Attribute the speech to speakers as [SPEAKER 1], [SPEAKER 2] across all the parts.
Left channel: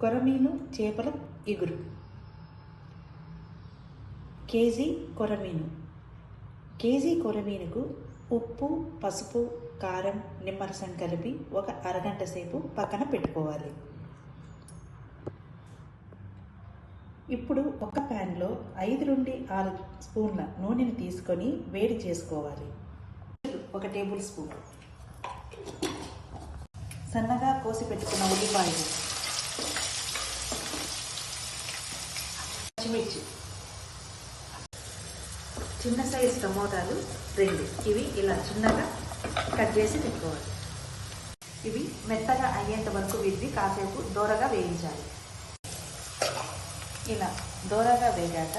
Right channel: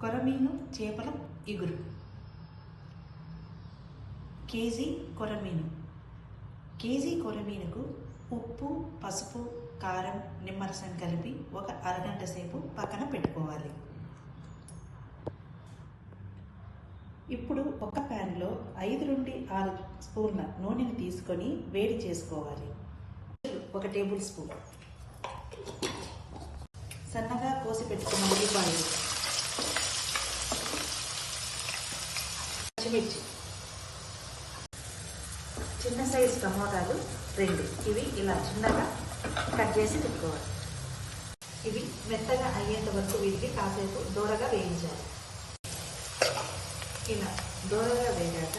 [SPEAKER 1] కొరమీను చేపల ఇగురు. కేజీ కొరమీను. కేజీ కొరమీనుకు ఉప్పు పసుపు కారం నిమ్మరసం కలిపి ఒక అరగంట సేపు పక్కన పెట్టుకోవాలి. ఇప్పుడు ఒక ప్యాన్లో ఐదు నుండి ఆరు స్పూన్ల నూనెని తీసుకొని వేడి చేసుకోవాలి. ఒక టేబుల్ స్పూన్. సన్నగా కోసి పెట్టుకున్న ఉల్లిపాయలు. పచ్చిమిర్చి. చిన్న సైజు టమోటాలు రెండు. ఇవి ఇలా చిన్నగా కట్ చేసి పెట్టుకోవాలి. ఇవి మెత్తగా అయ్యేంత వరకు వీటిని కాసేపు దూరగా వేయించాలి. ఇలా దూరగా వేగాక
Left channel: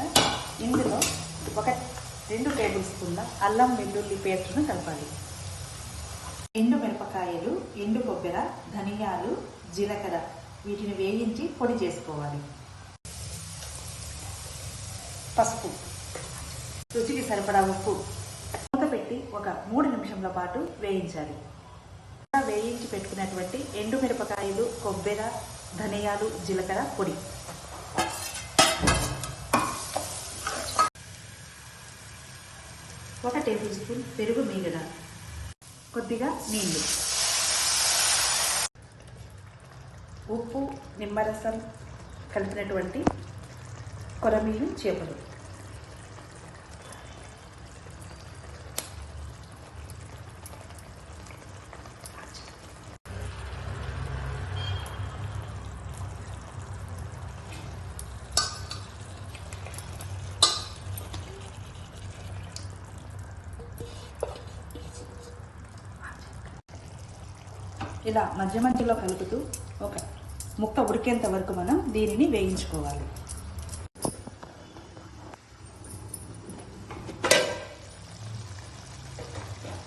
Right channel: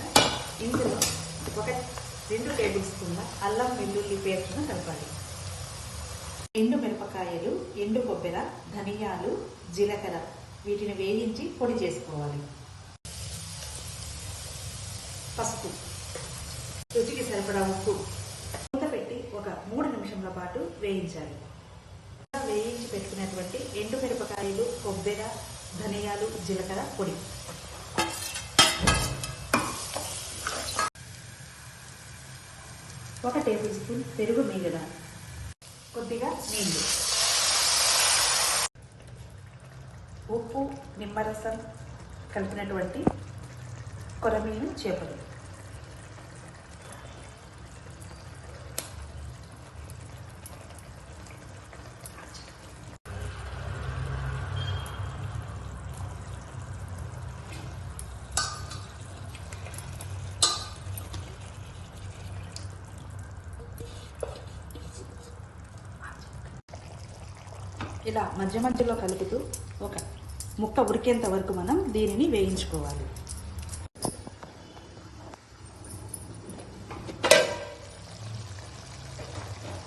[SPEAKER 1] ఇందులో ఒక రెండు టేబుల్ స్పూన్ల అల్లం వెల్లుల్లి పేస్ట్ను కలపాలి. ఎండు మిరపకాయలు ఎండు కొబ్బెర ధనియాలు జీలకర్ర వీటిని వేయించి పొడి చేసుకోవాలి. పసుపు. రుచికి సరిపడా ఉప్పు. మూత పెట్టి ఒక మూడు నిమిషంల పాటు వేయించాలి. వేయించి పెట్టుకున్నటువంటి ఎండు మిరపకాయలు కొబ్బెర ధనియాలు జీలకర్ర పొడి. ఒక టేబుల్ స్పూన్ పెరుగు మీగడ. కొద్దిగా నీళ్ళు. ఉప్పు నిమ్మరసం కలిపినటువంటి కొరమీను చేపలు. ఇలా మధ్య మధ్యలో కలుపుతూ ఒక ముక్క ఉడికేంత వరకు మనం దీనిని వేయించుకోవాలి.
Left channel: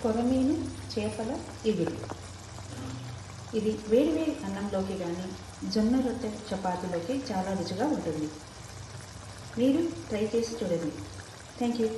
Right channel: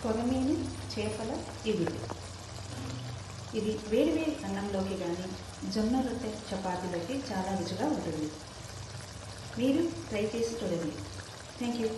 [SPEAKER 1] కొరమీను చేపల ఇగురు. ఇది వేడివేడి అన్నంలోకి కానీ జొన్న రొట్టె చపాతీలోకి చాలా రుచిగా ఉంటుంది. మీరు ట్రై చేసి చూడండి. Thank you